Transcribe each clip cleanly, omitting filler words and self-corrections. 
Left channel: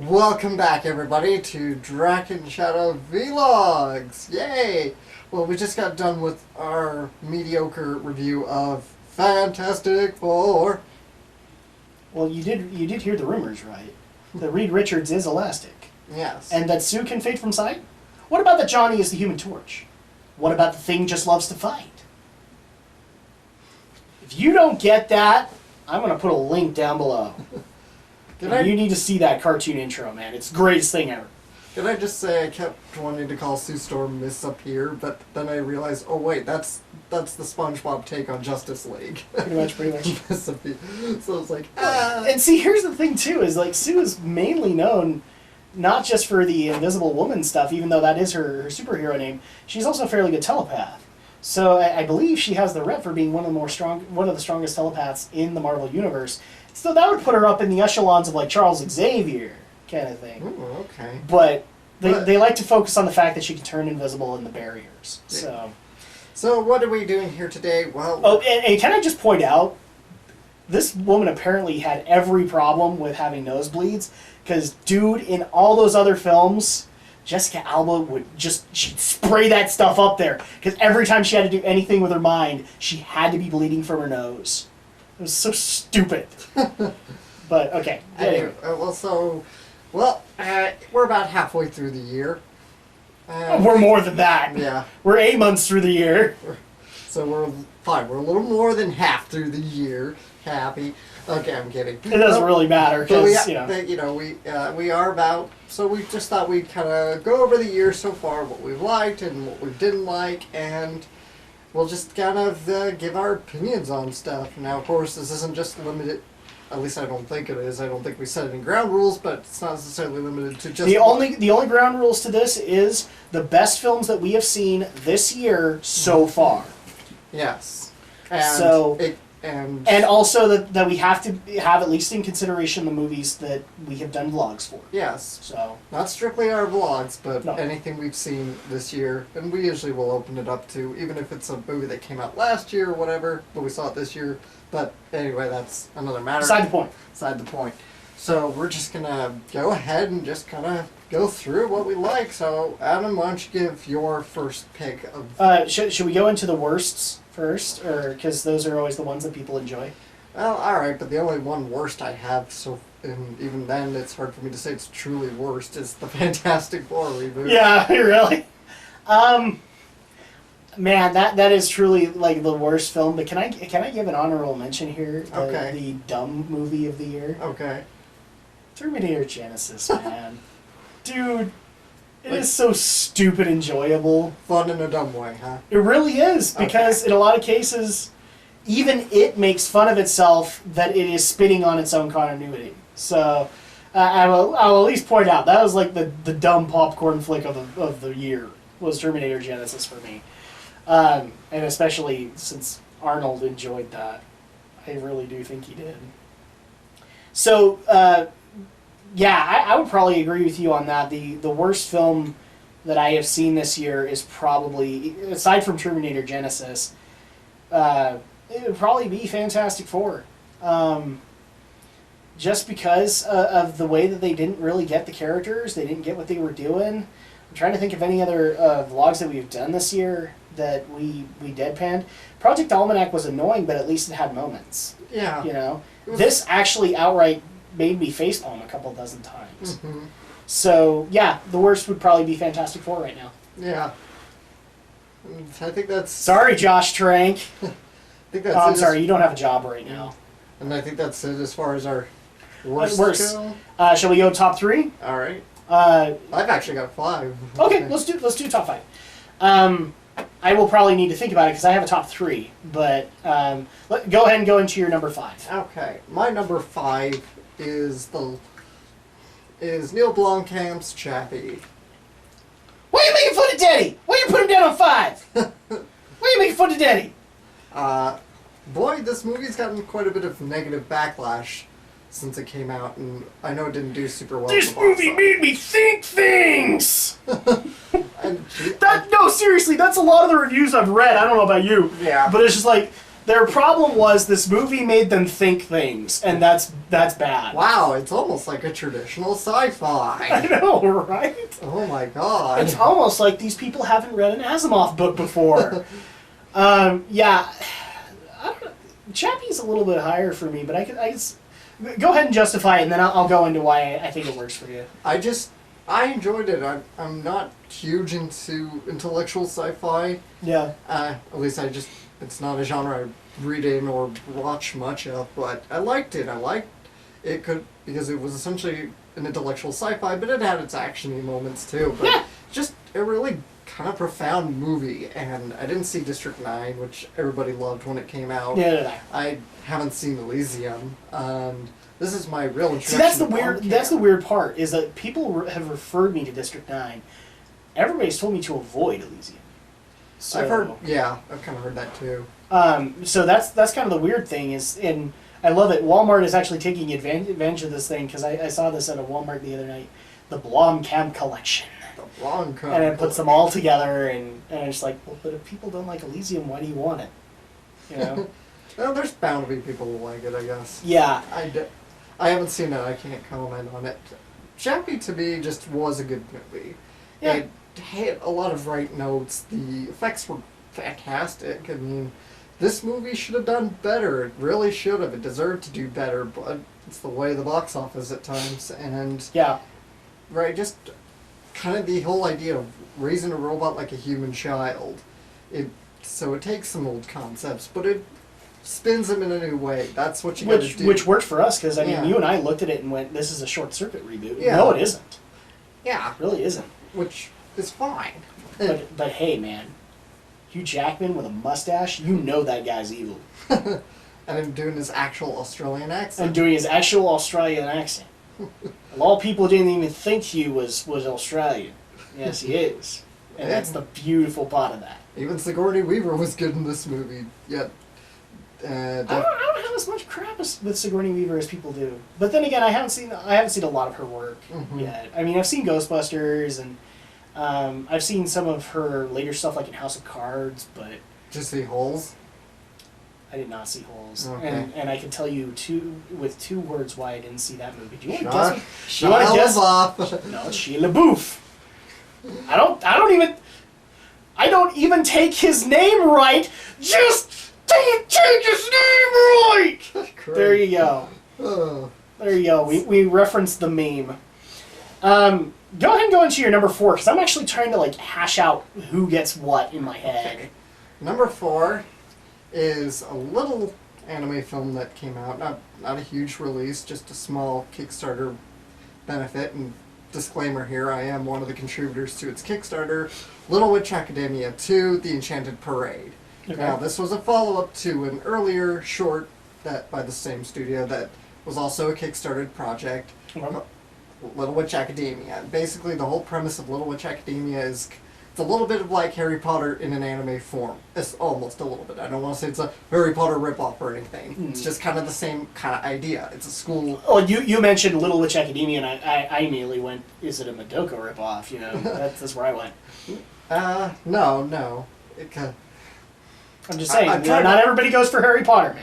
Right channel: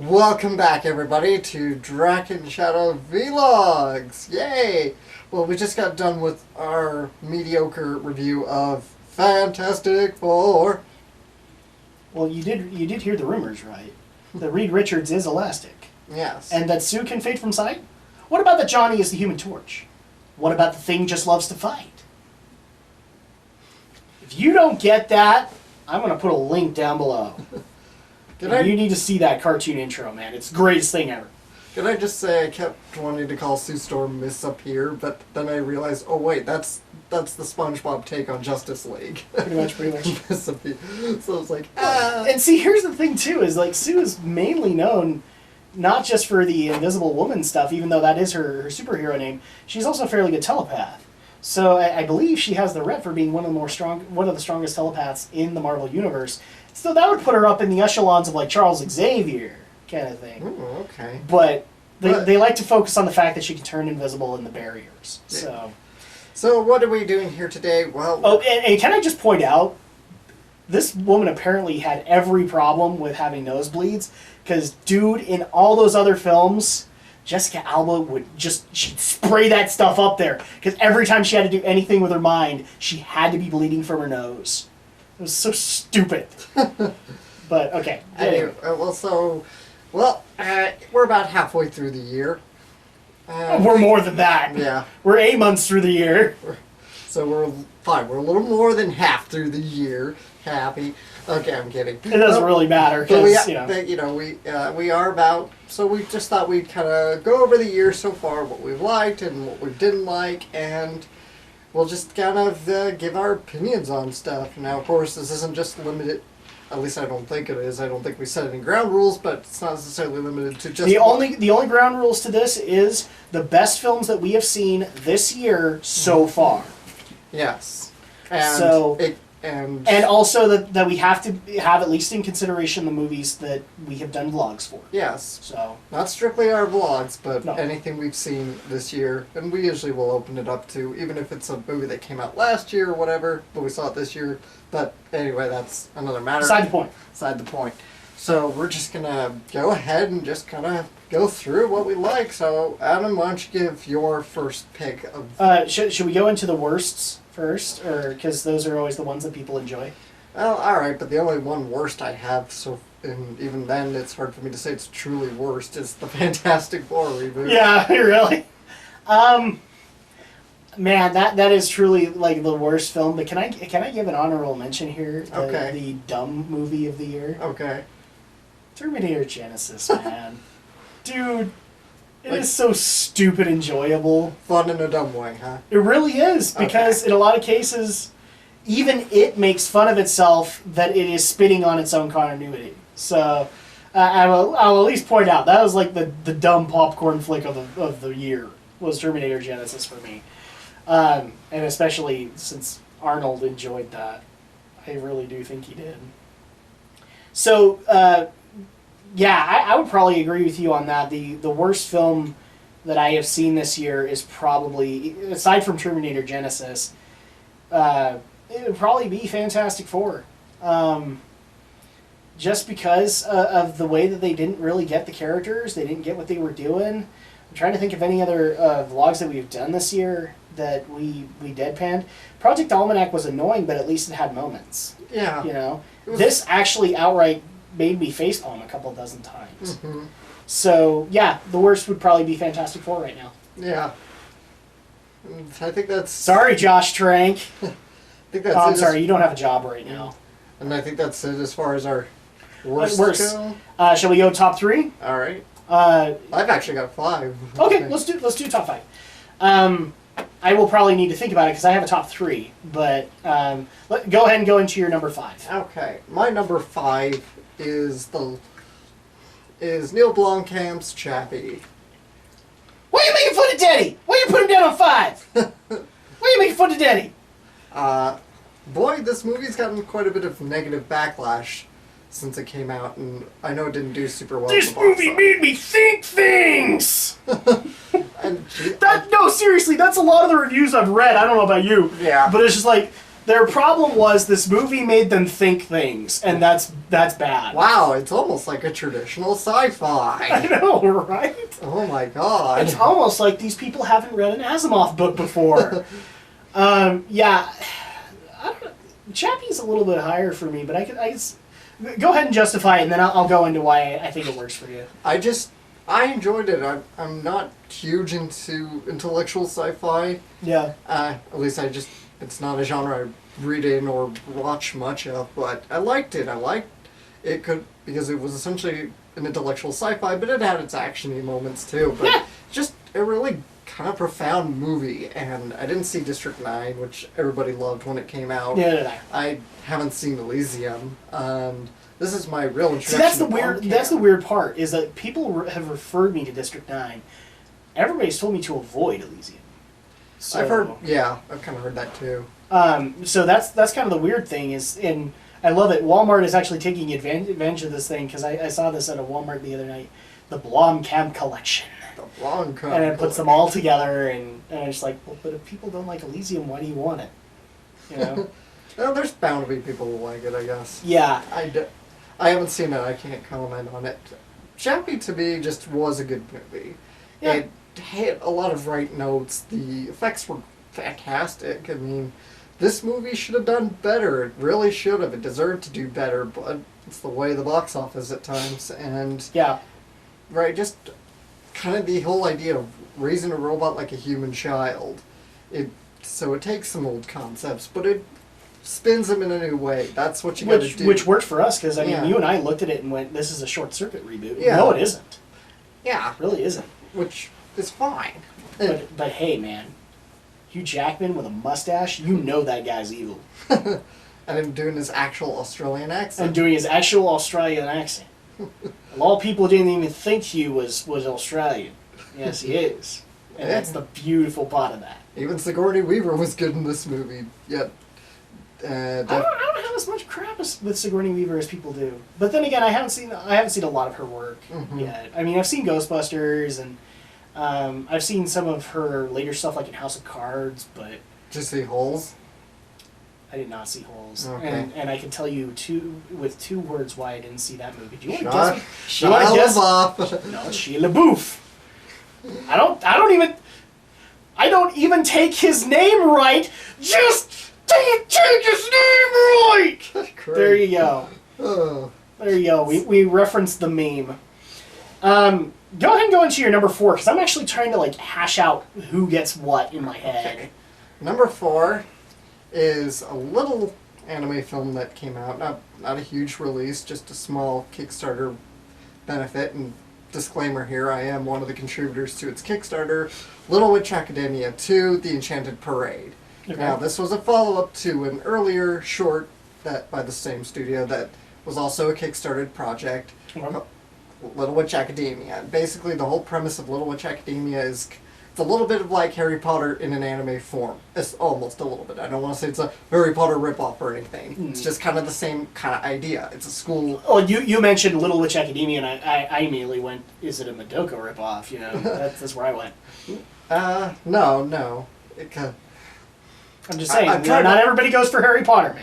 Welcome back, everybody, to Drak and Shadow Vlogs! Yay! Well, we just got done with our mediocre review of Fantastic Four. Well, you did hear the rumors, right? That Reed Richards is Elastic. Yes. And that Sue can fade from sight? What about that Johnny is the Human Torch? What about the Thing just loves to fight? If you don't get that, I'm going to put a link down below. You need to see that cartoon intro, man. It's the greatest thing ever. Can I just say I kept wanting to call Sue Storm Miss Up Here, but then I realized, oh wait, that's the SpongeBob take on Justice League. Pretty much. Miss Up Here. So I was like, And see, here's the thing, too, is like Sue is mainly known not just for the Invisible Woman stuff, even though that is her superhero name. She's also a fairly good telepath. So I believe she has the rep for being one of the strongest telepaths in the Marvel Universe. So that would put her up in the echelons of like Charles Xavier kind of thing. Ooh, okay. But they like to focus on the fact that she can turn invisible in the barriers. Yeah. So what are we doing here today? Well, and can I just point out, this woman apparently had every problem with having nosebleeds, because dude, in all those other films, Jessica Alba she'd spray that stuff up there, because every time she had to do anything with her mind, she had to be bleeding from her nose. It was so stupid. But, okay. Anyway, we're about halfway through the year. We're more than that. Yeah. We're 8 months through the year. So we're fine. We're a little more than half through the year. Happy. Okay, I'm kidding. It doesn't really matter, because, we are about... So we just thought we'd kind of go over the year so far, what we've liked and what we didn't like, and... we'll just kind of give our opinions on stuff. Now, of course, this isn't just limited. At least I don't think it is. I don't think we set any ground rules, but it's not necessarily limited to just... The only ground rules to this is the best films that we have seen this year so far. Yes. And also that we have to have at least in consideration the movies that we have done vlogs for. Yes. So not strictly our vlogs, but no. Anything we've seen this year, and we usually will open it up to, even if it's a movie that came out last year or whatever, but we saw it this year. But anyway, that's another matter. Beside the point. Beside the point. So we're just gonna go ahead and just kind of go through what we like. So Adam, why don't you give your first pick of... Should we go into the worsts first, or because those are always the ones that people enjoy? Well, alright, but the only one worst I have, and even then it's hard for me to say it's truly worst, is the Fantastic Four reboot. Yeah, really? Man, that is truly like the worst film, but can I give an honorable mention here? Okay. The dumb movie of the year? Okay. Terminator Genesis, man. Dude, it is so stupid enjoyable. Fun in a dumb way, huh? It really is, because in a lot of cases, even it makes fun of itself that it is spitting on its own continuity. So, I'll at least point out, that was like the dumb popcorn flick of the year, was Terminator Genesis for me. And especially since Arnold enjoyed that. I really do think he did. So, I would probably agree with you on that. The worst film that I have seen this year is probably, aside from Terminator Genesis, it would probably be Fantastic Four. Just because of the way that they didn't really get the characters, they didn't get what they were doing. I'm trying to think of any other vlogs that we've done this year that we deadpanned. Project Almanac was annoying, but at least it had moments. Yeah. You know? This actually outright made me facepalm a couple dozen times. Mm-hmm. So, yeah, the worst would probably be Fantastic Four right now. Yeah. I think that's... Sorry, Josh Trank. I think that's I'm sorry, you don't have a job right now. And I think that's it as far as our worst go. Shall we go top three? All right. I've actually got 5. Okay, let's do top 5. I will probably need to think about it because I have a top 3, but go ahead and go into your number 5. Okay, my number 5 is Neil Blomkamp's Chappie. Why are you making fun of Daddy? Why are you putting him down on 5? Why are you making fun of Daddy? Boy, this movie's gotten quite a bit of negative backlash since it came out, and I know it didn't do super well. This movie made me think things! No, seriously, that's a lot of the reviews I've read. I don't know about you. Yeah. But it's just like, Their problem was this movie made them think things, and that's bad. Wow, it's almost like a traditional I sci-fi. know, right? Oh my god. It's almost like these people haven't read an Asimov book before. Yeah, I don't know. Chappie's a little bit higher for me, but I could go ahead and justify it, and then I'll go into why I think it works for you. I enjoyed it. I'm not huge into intellectual sci-fi. Yeah. At least it's not a genre I read in or watch much of, but I liked it. I liked it because it was essentially an intellectual sci-fi, but it had its actiony moments too. But Yeah. just a really kind of profound movie, and I didn't see District 9, which everybody loved when it came out. Yeah. I haven't seen Elysium, and this is my real introduction. See, that's the to weird. Blomkamp. That's the weird part is that people have referred me to District 9. Everybody's told me to avoid Elysium. So, I've heard, yeah, I've kind of heard that too. So that's kind of the weird thing is, and I love it. Walmart is actually taking advantage of this thing because I saw this at a Walmart the other night. The Blomkamp collection. The Blomkamp. And it puts them all together, and I'm just like, well, but if people don't like Elysium, why do you want it? You know? Well, there's bound to be people who like it, I guess. Yeah. I haven't seen it. I can't comment on it. Chappie to me just was a good movie. Yeah. It hit a lot of right notes. The effects were fantastic. I mean, this movie should have done better. It really should have. It deserved to do better, but it's the way of the box office at times. And Yeah. right, just kind of the whole idea of raising a robot like a human child. So it takes some old concepts, but it spins them in a new way. That's what you got to do. Which worked for us because I mean, Yeah. you and I looked at it and went, "This is a short circuit reboot." Yeah. No, it isn't. Yeah, It really isn't. which is fine. But hey, man, Hugh Jackman with a mustache, you know that guy's evil. And him doing his actual Australian accent. And doing his actual Australian accent. A lot of people didn't even think Hugh was Australian. Yes, he is. And that's the beautiful part of that. Even Sigourney Weaver was good in this movie. Yet, I don't have as much crap with Sigourney Weaver as people do. But then again, I haven't seen a lot of her work yet. I mean, I've seen Ghostbusters and I've seen some of her later stuff like in House of Cards, but just see holes. I did not see Holes. Okay. And I can tell you with two words why I didn't see that movie. Do you want to Shia guess? Do you want to guess? LaBeouf. No, it's Shia LaBeouf. I don't even take his name right. Just don't take his name right. Great. There you go. Oh. There you go. We referenced the meme. Go ahead and go into your number 4 because I'm actually trying to like hash out who gets what in my head. Okay. Number 4 is a little anime film that came out. Not a huge release, just a small Kickstarter benefit. And disclaimer here, I am one of the contributors to its Kickstarter, Little Witch Academia 2, The Enchanted Parade. Okay. Now, this was a follow-up to an earlier short that by the same studio that was also a Kickstarter project, Okay. Little Witch Academia. Basically, the whole premise of Little Witch Academia is it's a little bit of like Harry Potter in an anime form. It's almost a little bit. I don't want to say it's a Harry Potter ripoff or anything. It's just kind of the same kind of idea. It's a school. Oh, you mentioned Little Witch Academia, and I immediately went, is it a Madoka ripoff? You know, that's where I went. No. I'm just saying, I'm trying not to- everybody goes for Harry Potter,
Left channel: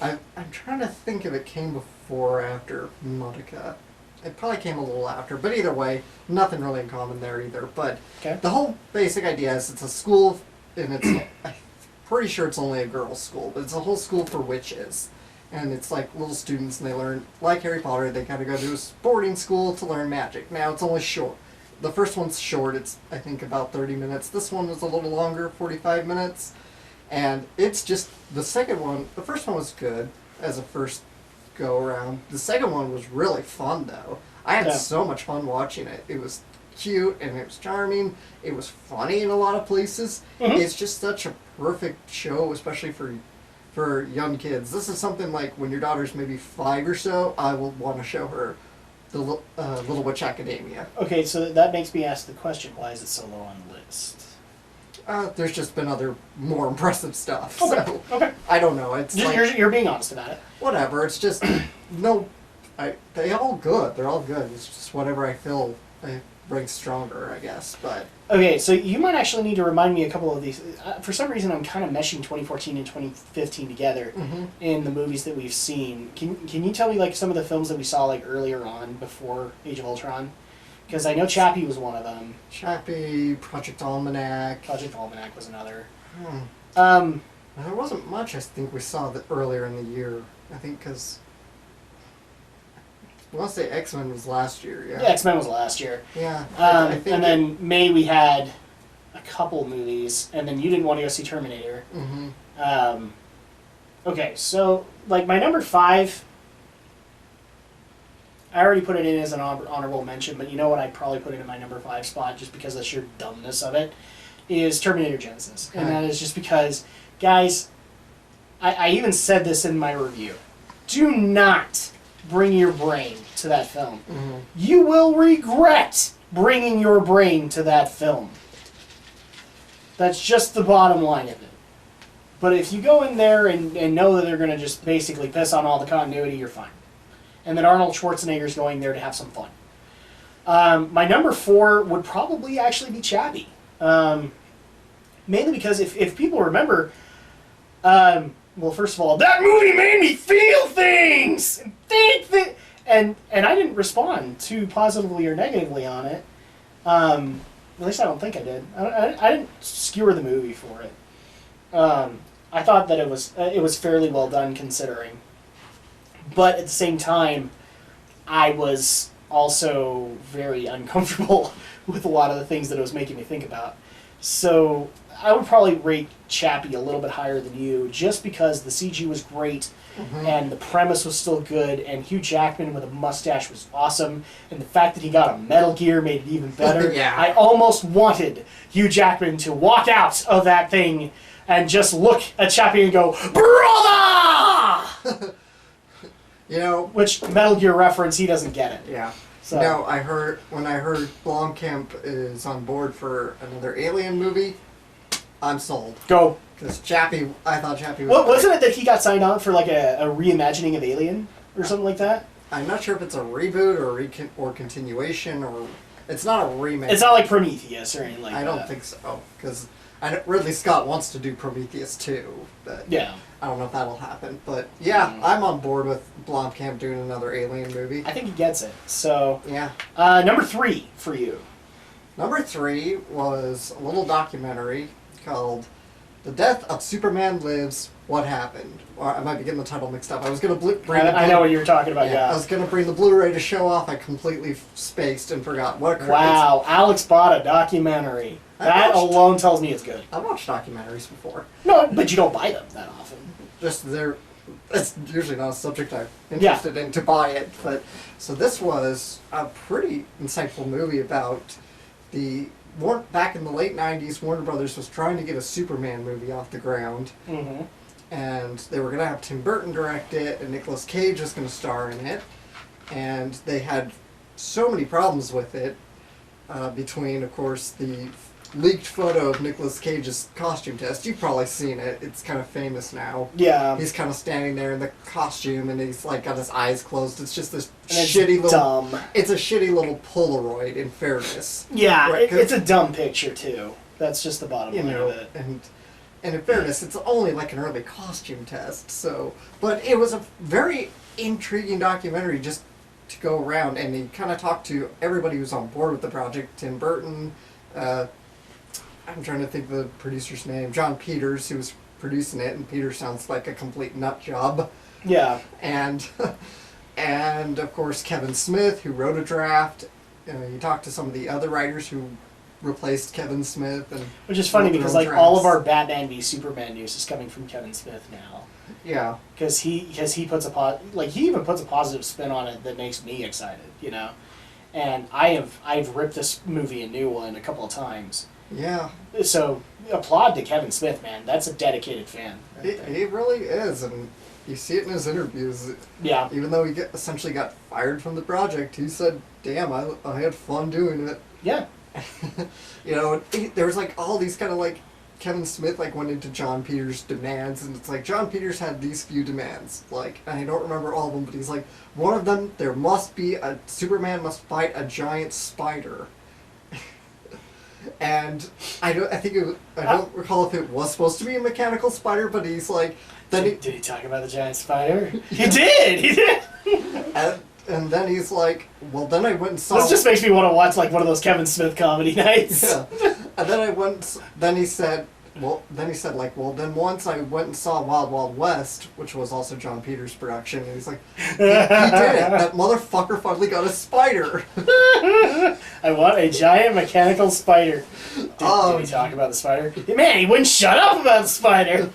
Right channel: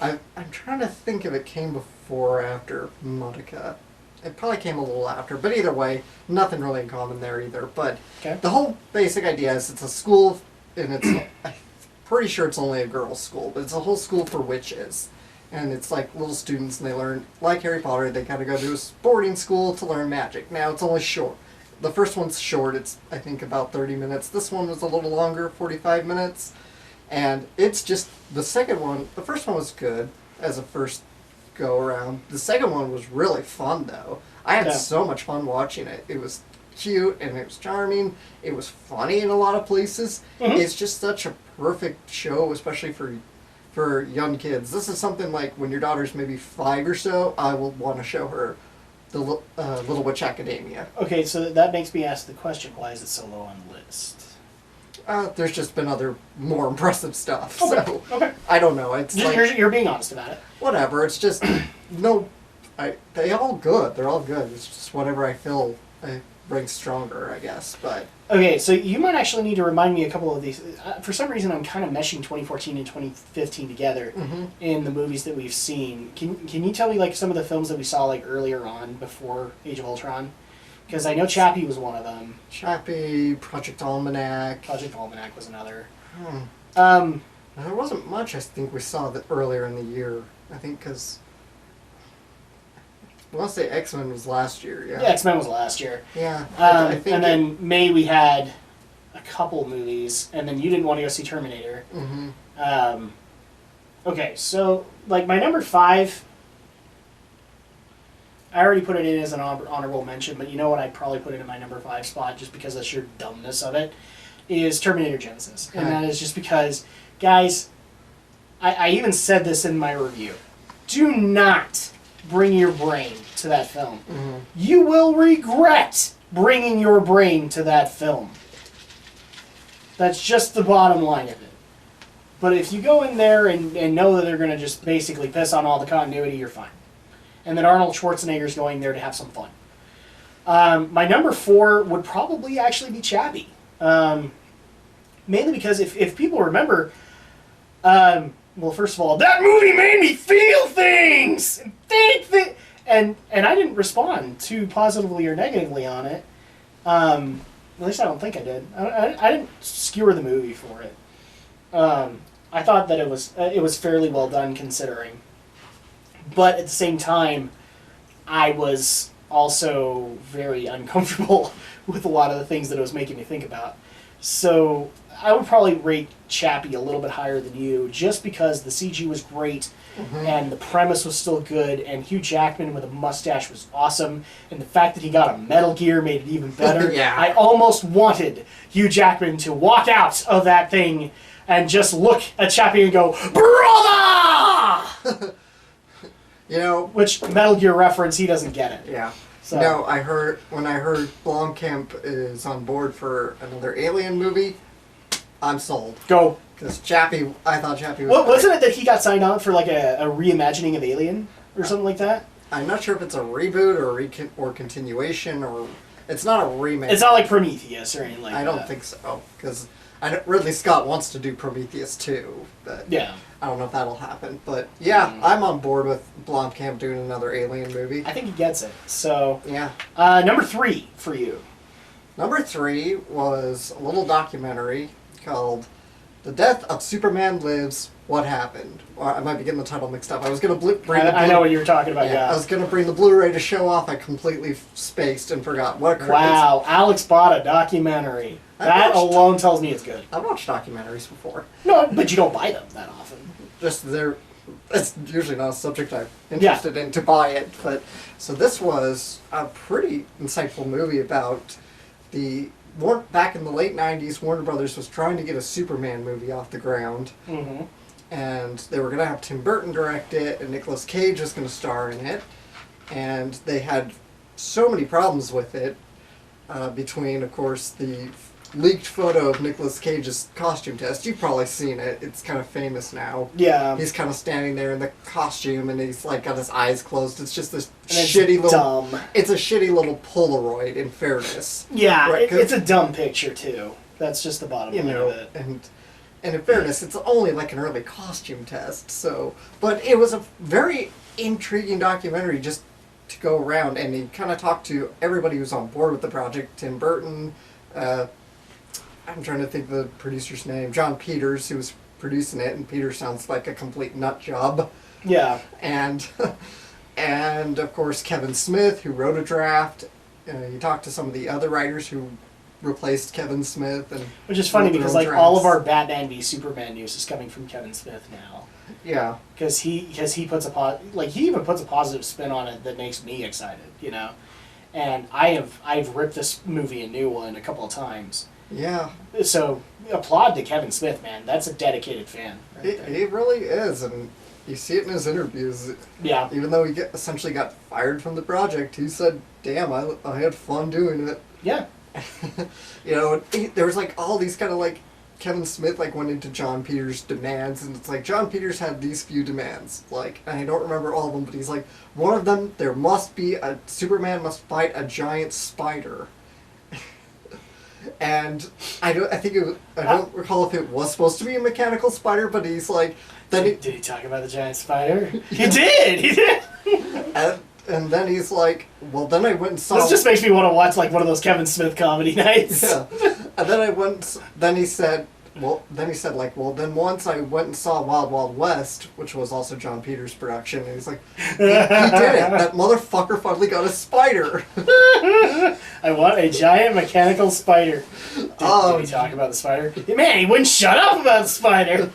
man. I'm trying to think if it came before or after Madoka. It probably came a little after, but either way, nothing really in common there either. But Okay. the whole basic idea is it's a school, and it's I'm pretty sure it's only a girls' school, but it's a whole school for witches. And it's like little students, and they learn, like Harry Potter, they kind of go to a boarding school to learn magic. Now, it's only short. The first one's short, it's, I think, about 30 minutes. This one was a little longer, 45 minutes. And it's just, the first one was good as a first go around. The second one was really fun, though. I had Yeah. so much fun watching it. It was cute, and it was charming. It was funny in a lot of places. Mhm. It's just such a perfect show, especially for young kids. This is something like when your daughter's maybe 5 or so, I will want to show her the Little Witch Academia. Okay, so that makes me ask the question, why is it so low on the list? There's just been other more impressive stuff. Okay, So okay. I don't know. It's like, You're being honest about it. whatever. It's just they all good. They're all good. It's just whatever I feel rings stronger, I guess. But Okay, so you might actually need to remind me a couple of these. For some reason, I'm kind of meshing 2014 and 2015 together in the movies that we've seen. Can you tell me like some of the films that we saw like earlier on before Age of Ultron? Because I know Chappie was one of them. Chappie, Project Almanac. Project Almanac was another. There wasn't much I think we saw earlier in the year. I think because I want to say X-Men was last year. Yeah, X-Men was last year. Yeah. I think and then May we had a couple movies, and then you didn't want to go see Terminator. Okay, so like my number 5, I already put it in as an honorable mention, but you know what? I'd probably put it in my number 5 spot just because of the sheer dumbness of it. Is Terminator Genesis, and that is just because, guys, I even said this in my review. Do not bring your brain to that film. You will regret bringing your brain to that film. That's just the bottom line of it. But if you go in there and know that they're going to just basically piss on all the continuity, you're fine. And that Arnold Schwarzenegger's going there to have some fun. My number 4 would probably actually be Chappie. Mainly because if people remember, well, first of all, that movie made me feel things and think that, and I didn't respond too positively or negatively on it. At least I don't think I did. I didn't skewer the movie for it. I thought that it was fairly well done considering, but at the same time, I was also very uncomfortable with a lot of the things that it was making me think about. So I would probably rate Chappie a little bit higher than you, just because the CG was great, and the premise was still good, and Hugh Jackman with a mustache was awesome, and the fact that he got a Metal Gear made it even better. Yeah. I almost wanted Hugh Jackman to walk out of that thing and just look at Chappie and go, "Brother!" You know, Which, Metal Gear reference, he doesn't get it. yeah. So. No, when I heard Blomkamp is on board for another Alien movie, I'm sold. Go. Because I thought Chappie was. What, wasn't it that he got signed on for like a reimagining of Alien or something like that? I'm not sure if it's a reboot or continuation or it's not a remake. It's not like Prometheus or anything like that. I don't think so because Ridley Scott wants to do Prometheus too, but yeah, I don't know if that'll happen. But yeah, I'm on board with Blomkamp doing another Alien movie. I think he gets it. So yeah, number 3 for you. Number 3 was a little documentary called "The Death of Superman Lives: What Happened." Or I might be getting the title mixed up. I was going to bring. I know what you were talking about. Yeah, I was going to bring the Blu-ray to show off. I completely spaced and forgot what. Wow, Alex bought a documentary. That alone tells me it's good. I've watched documentaries before. No, but you don't buy them that often. Just it's usually not a subject I'm interested in to buy it. But so this was a pretty insightful movie about back in the late 90s, Warner Brothers was trying to get a Superman movie off the ground. And they were going to have Tim Burton direct it, and Nicolas Cage was going to star in it. And they had so many problems with it, between, of course, the leaked photo of Nicolas Cage's costume test. You've probably seen it. It's kind of famous now. Yeah. He's kind of standing there in the costume, and he's like got his eyes closed. It's just this It's shitty little. dumb. It's a shitty little Polaroid. In fairness. Yeah, Right, it's a dumb picture too. That's just the bottom line of it. And in fairness, it's only like an early costume test. So, but it was a very intriguing documentary just to go around, and he kind of talked to everybody who's on board with the project. Tim Burton. I'm trying to think of the producer's name. John Peters, who was producing it, and Peters sounds like a complete nut job. Yeah. And of course Kevin Smith, who wrote a draft. You talked to some of the other writers who replaced Kevin Smith, and which is funny wrote their because own like all of drafts. our Batman v Superman news is coming from Kevin Smith now. Yeah. Because he puts he even puts a positive spin on it that makes me excited, you know. And I've ripped this movie a new one a couple of times. Yeah. So applaud to Kevin Smith, man. That's a dedicated fan. Right there. He really is, and you see it in his interviews. Yeah. Even though he essentially got fired from the project, he said, "Damn, I had fun doing it." Yeah. There was like all these kind of like Kevin Smith like went into John Peters' demands, and it's like John Peters had these few demands. Like, and I don't remember all of them, but he's like, one of them, there must be Superman must fight a giant spider. And I don't recall if it was supposed to be a mechanical spider, but he's like, did he talk about the giant spider? He did. And then he's like, well, then I went and saw... This just makes me want to watch, like, one of those Kevin Smith comedy nights. Yeah. And then he said, then once I went and saw Wild Wild West, which was also John Peters' production, and he's like, he did it. That motherfucker finally got a spider. I want a giant mechanical spider. Did he talk about the spider? Man, he wouldn't shut up about the spider.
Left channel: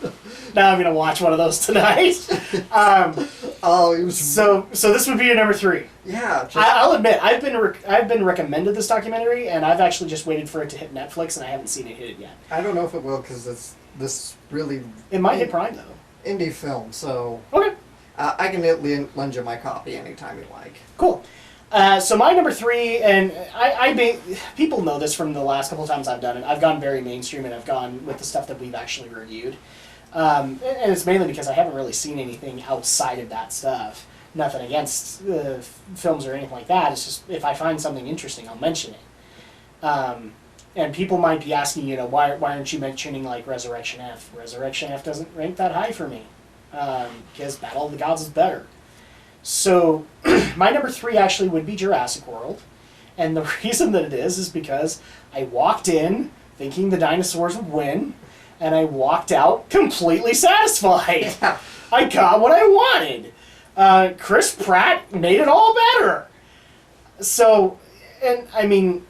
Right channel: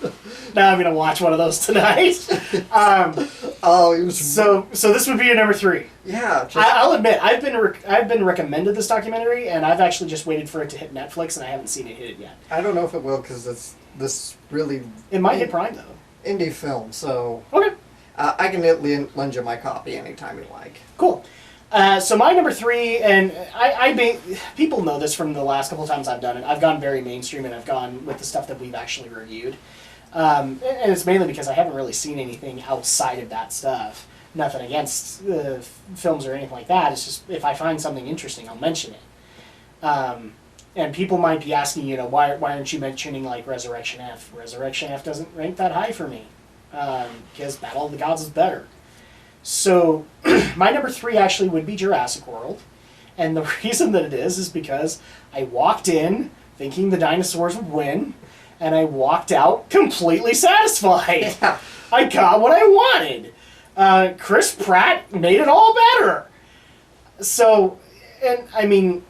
Now I'm going to watch one of those tonight. It was... So this would be your number 3. Yeah. I'll admit, I've been recommended this documentary, and I've actually just waited for it to hit Netflix, and I haven't seen it hit it yet. I don't know if it will, because it's this really... It might hit Prime, though. Indie film, so... Okay. I can lend you my copy anytime you like. Cool. So my number 3, and people know this from the last couple of times I've done it. I've gone very mainstream, and I've gone with the stuff that we've actually reviewed. And it's mainly because I haven't really seen anything outside of that stuff. Nothing against films or anything like that. It's just, if I find something interesting, I'll mention it. And people might be asking, why aren't you mentioning, like, Resurrection F? Resurrection F doesn't rank that high for me. Because Battle of the Gods is better. So, my number 3 actually would be Jurassic World. And the reason that it is because I walked in thinking the dinosaurs would win, and I walked out completely satisfied. Yeah. I got what I wanted. Chris Pratt made it all better. So, and I mean,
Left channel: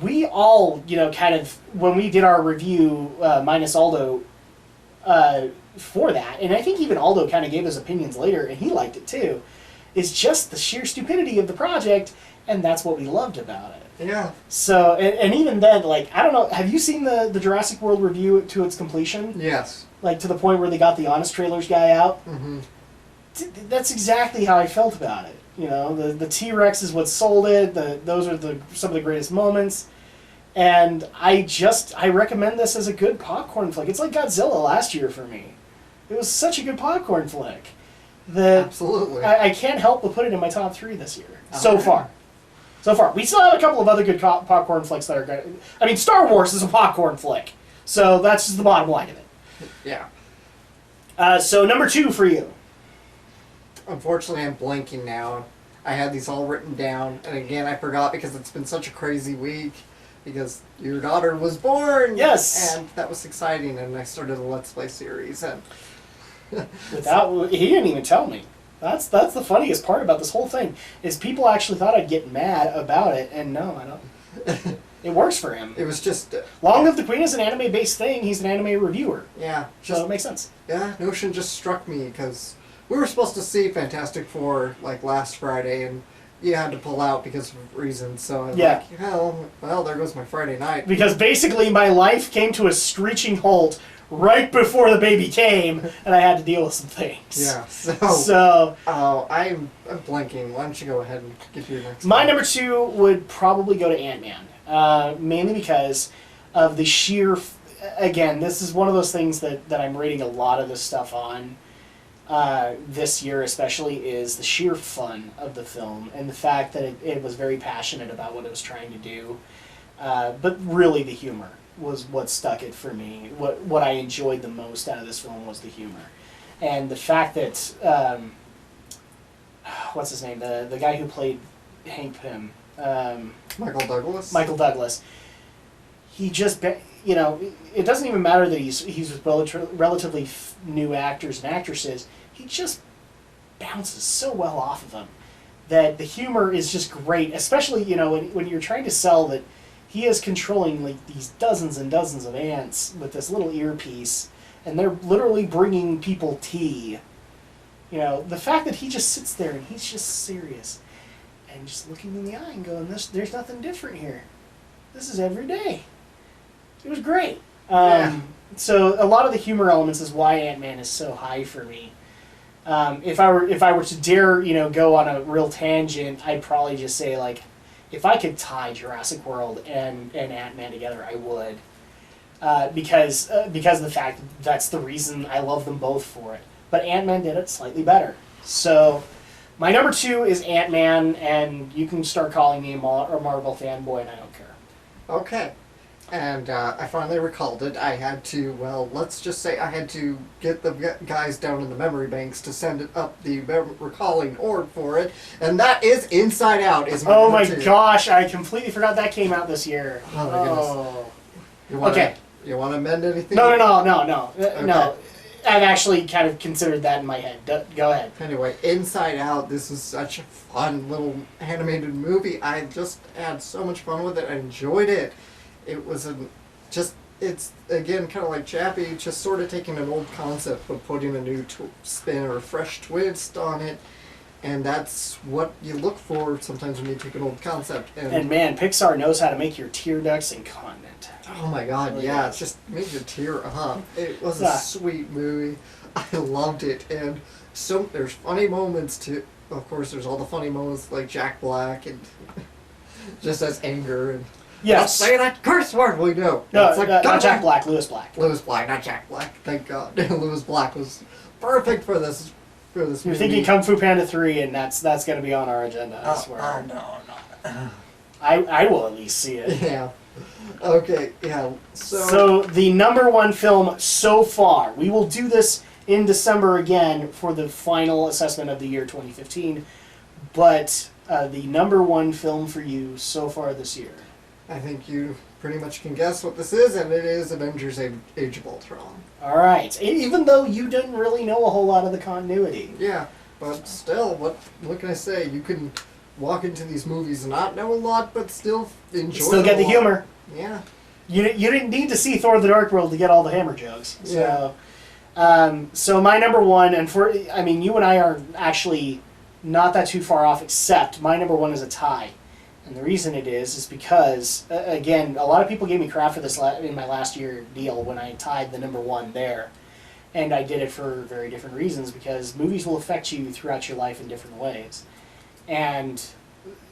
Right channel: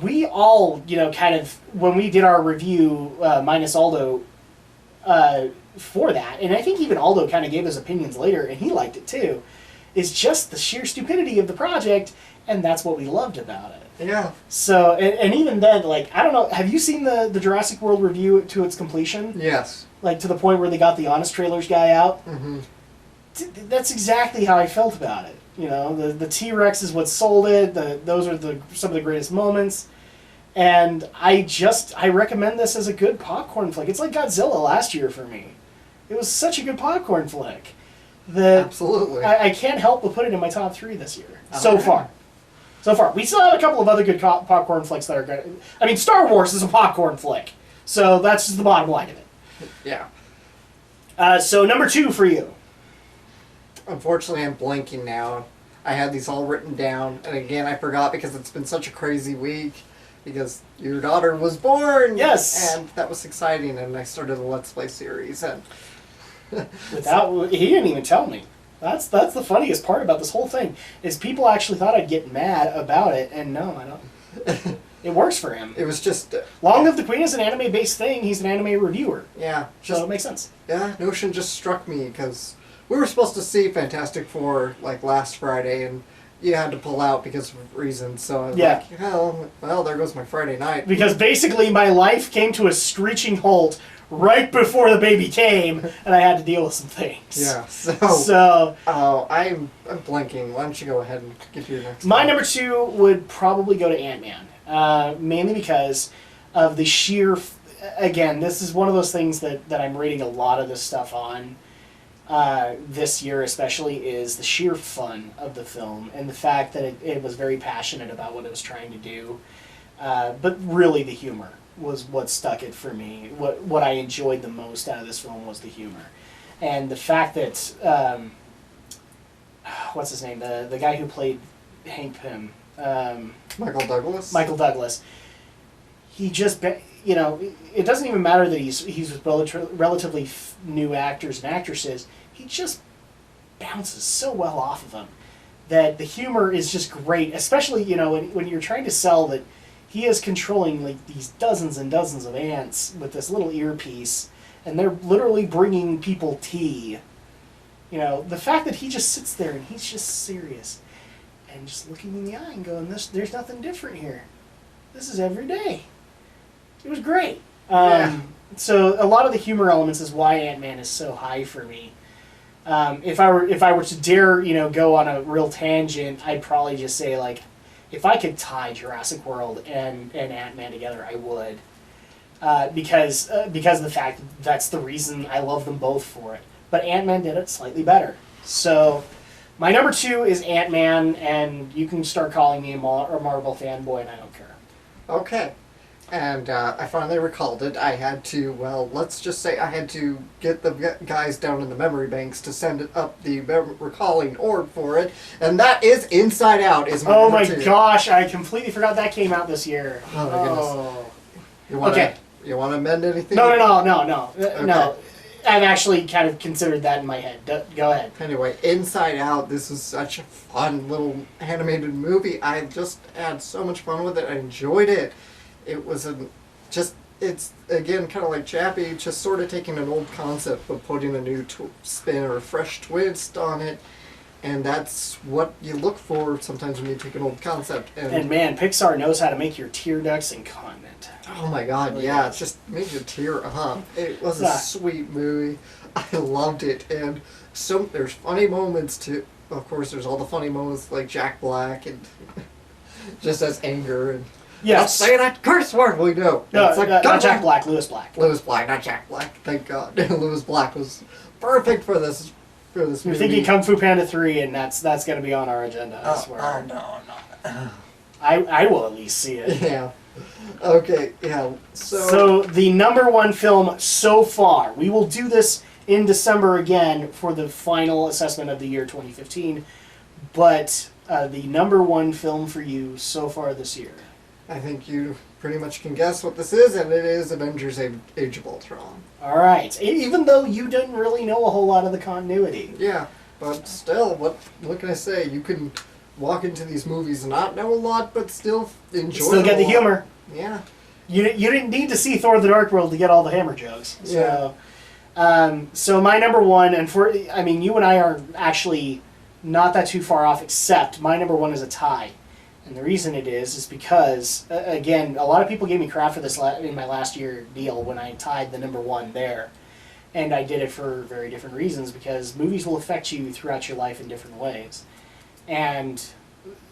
we all, kind of, when we did our review, minus Aldo, for that, and I think even Aldo kind of gave his opinions later, and he liked it too, is just the sheer stupidity of the project, and that's what we loved about it. Yeah. So, and even then, like, I don't know, have you seen the Jurassic World review to its completion? Yes. Like, to the point where they got the Honest Trailers guy out? Mm-hmm. That's exactly how I felt about it. The T-Rex is what sold it, those are some of the greatest moments, and I recommend this as a good popcorn flick. It's like Godzilla last year for me. It was such a good popcorn flick that Absolutely. I can't help but put it in my top 3 this year. Okay. So far. We still have a couple of other good popcorn flicks that are good. I mean, Star Wars is a popcorn flick. So that's just the bottom line of it. Yeah. So number 2 for you. Unfortunately, I'm blanking now. I had these all written down, and again, I forgot because it's been such a crazy week. Because your daughter was born! Yes! And that was exciting, and I started a Let's Play series, and... He didn't even tell me. That's the funniest part about this whole thing, is people actually thought I'd get mad about it, and no, I don't. It works for him. It was just... Long Live the Queen is an anime-based thing, he's an anime reviewer. Yeah. So it makes sense. Yeah, Notion just struck me, because we were supposed to see Fantastic Four, like, last Friday, and you had to pull out because of reasons, so I was like, well, there goes my Friday night. Because basically my life came to a screeching halt right before the baby came, and I had to deal with some things. Yeah, I'm blanking. Why don't you go ahead and give your next My one? number 2 would probably go to Ant-Man. Mainly because of the sheer... Again, this is one of those things that I'm rating a lot of this stuff on. This year especially, is the sheer fun of the film and the fact that it was very passionate about what it was trying to do, but really the humor was what stuck it for me. What I enjoyed the most out of this film was the humor, and the fact that what's his name, the guy who played Hank Pym, Michael Douglas, he just it doesn't even matter that he's with relatively new actors and actresses. He just bounces so well off of them that the humor is just great, especially when you're trying to sell that he is controlling like these dozens and dozens of ants with this little earpiece, and they're literally bringing people tea. The fact that he just sits there and he's just serious and just looking in the eye and going, there's nothing different here. This is every day. It was great. So a lot of the humor elements is why Ant-Man is so high for me. If I were to dare, go on a real tangent, I'd probably just say, like, if I could tie Jurassic World and Ant-Man together, I would. because of the fact that that's the reason I love them both for it. But Ant-Man did it slightly better. So my number 2 is Ant-Man, and you can start calling me a Marvel fanboy, and I don't care. Okay. And I finally recalled it. I had to, well, let's just say I had to get the guys down in the memory banks to send it up the recalling orb for it. And that is Inside Out. Oh my gosh, I completely forgot that came out this year. Oh my goodness. You want to amend anything? No. Okay. No. I've actually kind of considered that in my head. Go ahead. Anyway, Inside Out, this is such a fun little animated movie. I just had so much fun with it. I enjoyed it. It was it's again kind of like Chappie, just sort of taking an old concept but putting a new spin or a fresh twist on it. And that's what you look for sometimes when you take an old concept. And man, Pixar knows how to make your tear ducts incontinent. Oh my god, yeah, it just made you tear up. It was a sweet movie. I loved it. And there's funny moments too. Of course, there's all the funny moments like Jack Black and just as anger and... Yes. Don't say that curse word, we know. No, not Jack Black, Lewis Black. Lewis Black, not Jack Black. Thank God. Lewis Black was perfect for this movie. You're thinking Kung Fu Panda 3, and that's going to be on our agenda, I swear. Oh, no. I will at least see it. Yeah. Okay, yeah. So the number 1 film so far, we will do this in December again for the final assessment of the year 2015, but the number 1 film for you so far this year. I think you pretty much can guess what this is, and it is Avengers Age of Ultron. All right. Even though you didn't really know a whole lot of the continuity. Yeah, but still, what can I say? You can walk into these movies and not know a lot, but still enjoy Still get the humor. Yeah. You didn't need to see Thor: The Dark World to get all the hammer jokes. So, so my number 1, and you and I are actually not that too far off, except my number 1 is a tie. And the reason it is because, again, a lot of people gave me crap for this in my last year deal when I tied the number 1 there. And I did it for very different reasons, because movies will affect you throughout your life in different ways. And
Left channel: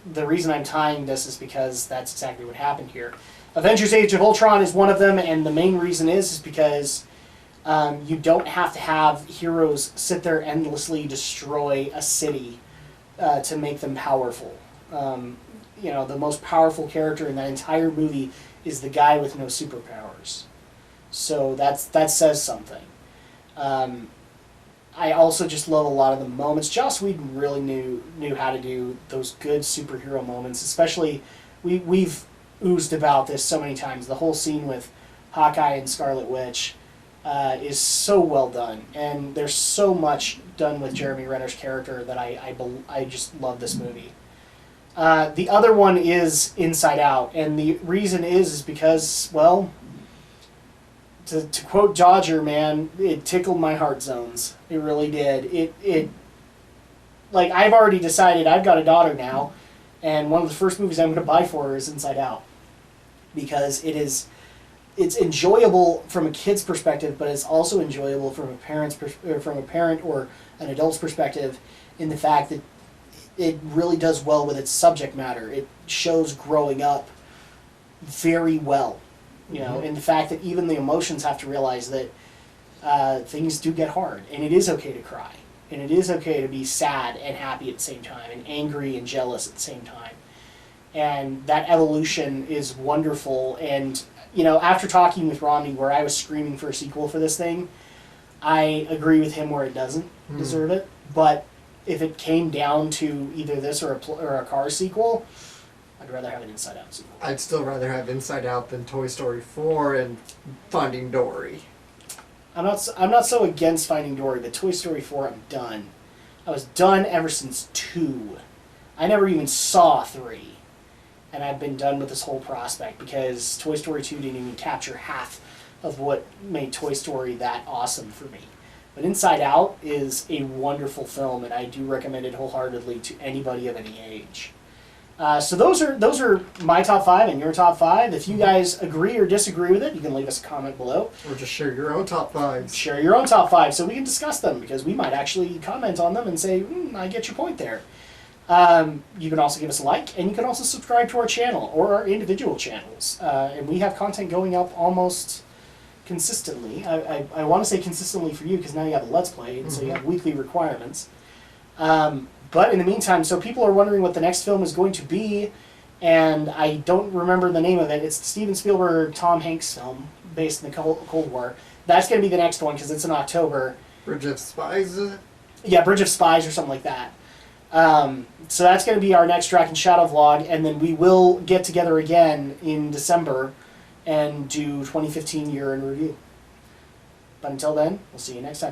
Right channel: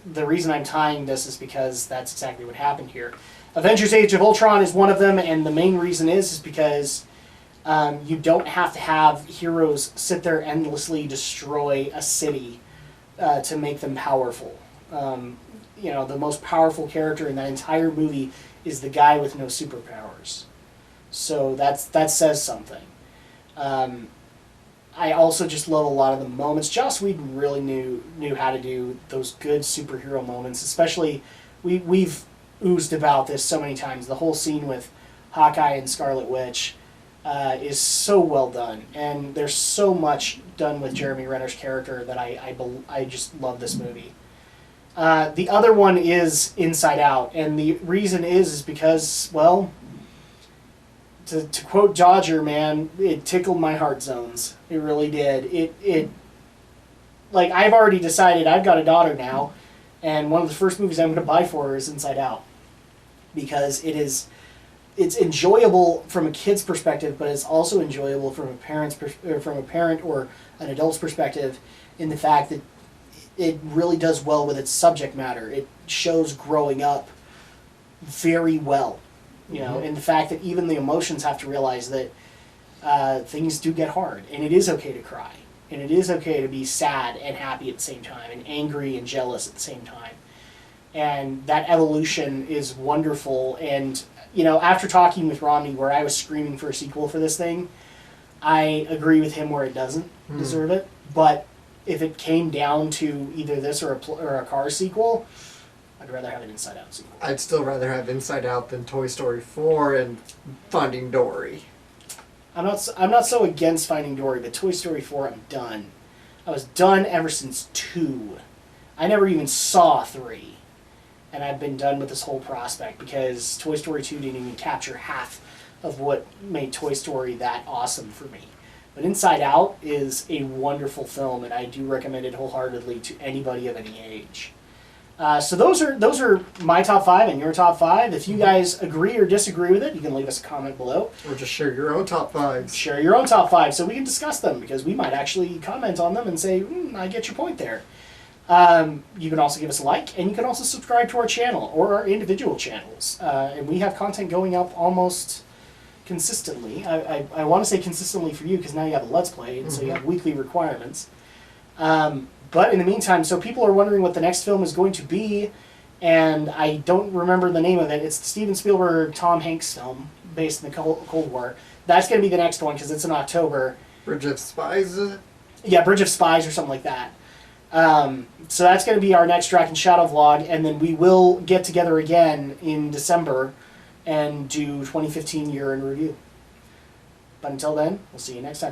the reason I'm tying this is because that's exactly what happened here. Avengers Age of Ultron is one of them, and the main reason is because you don't have to have heroes sit there endlessly destroy a city to make them powerful. The most powerful character in that entire movie is the guy with no superpowers. So that says something. I also just love a lot of the moments. Joss Whedon really knew how to do those good superhero moments, especially we've oozed about this so many times. The whole scene with Hawkeye and Scarlet Witch is so well done, and there's so much done with Jeremy Renner's character that I just love this movie. The other one is Inside Out, and the reason is because, well, to quote Dodger, man, it tickled my heart zones. It really did. It like, I've already decided I've got a daughter now, and one of the first movies I'm going to buy for her is Inside Out, because it's enjoyable from a kid's perspective, but it's also enjoyable from a parent or an adult's perspective, in the fact that it really does well with its subject matter. It shows growing up very well, in the fact that even the emotions have to realize that things do get hard, and it is okay to cry, and it is okay to be sad and happy at the same time, and angry and jealous at the same time. And that evolution is wonderful. And, after talking with Romney, where I was screaming for a sequel for this thing, I agree with him where it doesn't deserve it. But if it came down to either this or a Cars sequel, I'd rather have an Inside Out sequel. I'd still rather have Inside Out than Toy Story 4 and Finding Dory. I'm not so against Finding Dory, but Toy Story 4, I'm done. I was done ever since 2. I never even saw 3. And I've been done with this whole prospect, because Toy Story 2 didn't even capture half of what made Toy Story that awesome for me. But Inside Out is a wonderful film, and I do recommend it wholeheartedly to anybody of any age. So those are my top 5 and your top 5. If you guys agree or disagree with it, you can leave us a comment below. Or just share your own top 5s. Share your own top 5 so we can discuss them, because we might actually comment on them and say, I get your point there. You can also give us a like, and you can also subscribe to our channel or our individual channels. And we have content going up almost consistently. I want to say consistently for you because now you have a Let's Play, and so you have weekly requirements. But in the meantime, so people are wondering what the next film is going to be, and I don't remember the name of it. It's the Steven Spielberg, Tom Hanks film based in the Cold War. That's going to be the next one because it's in October. Bridge of Spies, is it? Yeah, Bridge of Spies or something like that. So that's going to be our next Drak and Shadow vlog, and then we will get together again in December and do 2015 year in review. But until then, we'll see you next time.